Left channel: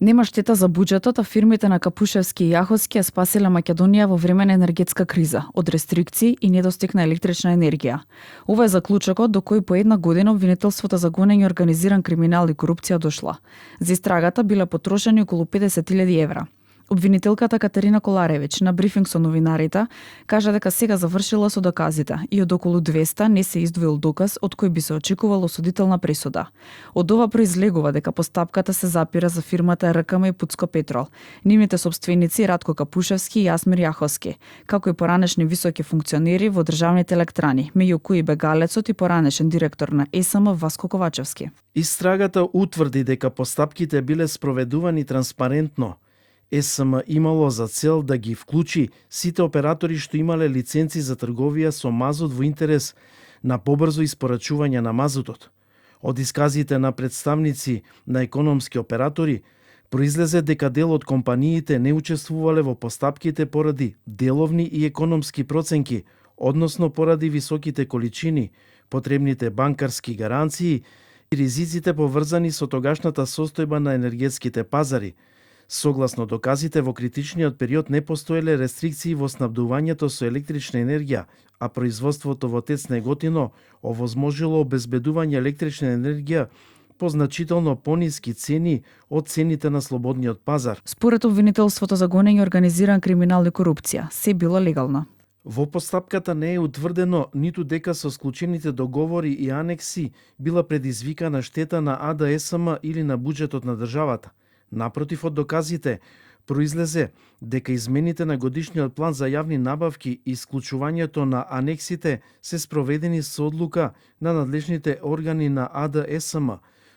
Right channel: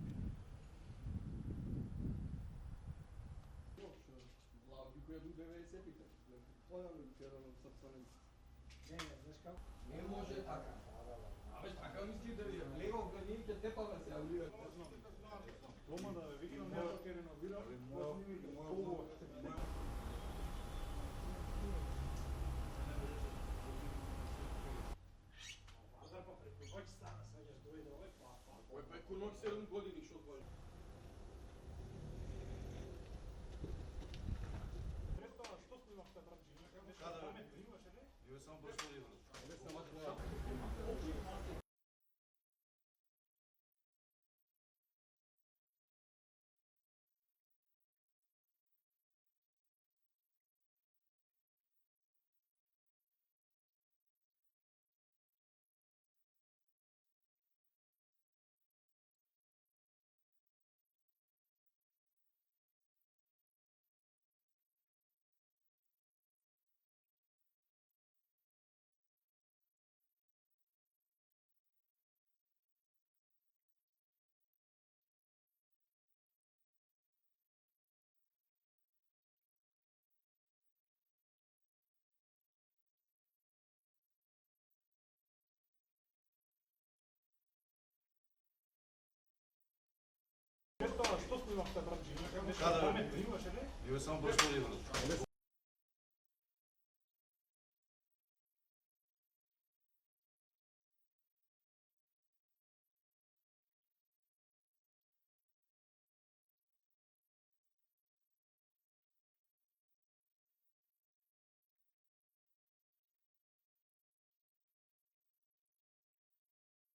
Нема штета за буџетот, а фирмите на Капушевски и Јаховски ја спасиле Македонија во време на енергетска криза, од рестрикции и недостиг на електрична енергија. Ова е заклучокот до кој по една година обвинителството за гонење организиран криминал и корупција дошла. За истрагата биле потрошени околу 50.000 евра. Обвинителката Катерина Коларевич на брифинг со новинарите кажа дека сега завршила со доказите и од околу 200 не се издвоил доказ од кој би се очекувало осудителна пресуда. Од ова произлегува дека постапката се запира за фирмата РКМ и Пуцко Петрол, нивните собственици Радко Капушевски и Јасмир Јаховски, како и поранешни високи функционери во државните електрани, меѓу кои бегалецот и поранешен директор на ЕСМ Васко Ковачевски. Истрагата утврди дека постапките биле спроведувани транспарентно. ЕСМ имало за цел да ги вклучи сите оператори што имале лиценци за трговија со мазут во интерес на побрзо испорачување на мазутот. Од исказите на представници на економски оператори произлезе дека дел од компаниите не учествувале во постапките поради деловни и економски проценки, односно поради високите количини, потребните банкарски гаранции и ризиците поврзани со тогашната состојба на енергетските пазари. Согласно доказите, во критичниот период не постоеле рестрикции во снабдувањето со електрична енергија, а производството во ТЕЦ Неготино овозможило обезбедување електрична енергија по значително пониски цени од цените на слободниот пазар. Според обвинителството за гонење организиран криминал и корупција, се било легално. Во постапката не е утврдено ниту дека со склучените договори и анекси била предизвикана штета на АДСМ или на буџетот на државата. Напротив, од доказите произлезе дека измените на годишниот план за јавни набавки и исклучувањето на анексите се спроведени со одлука на надлежните органи на АДСМ,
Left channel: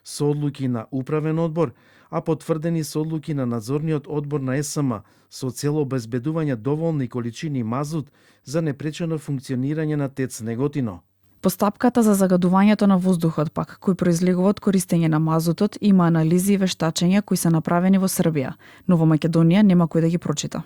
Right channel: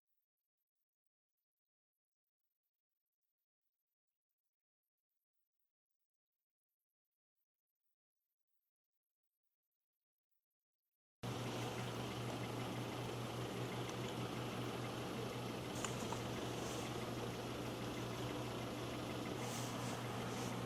со одлуки на управен одбор, а потврдени со одлуки на надзорниот одбор на ЕСМ, со цел обезбедување доволни количини мазут за непречено функционирање на ТЕЦ Неготино. Постапката за загадувањето на воздухот пак, кој произлегува од користење на мазутот, има анализи и вештачења кои се направени во Србија, но во Македонија нема кој да ги прочита.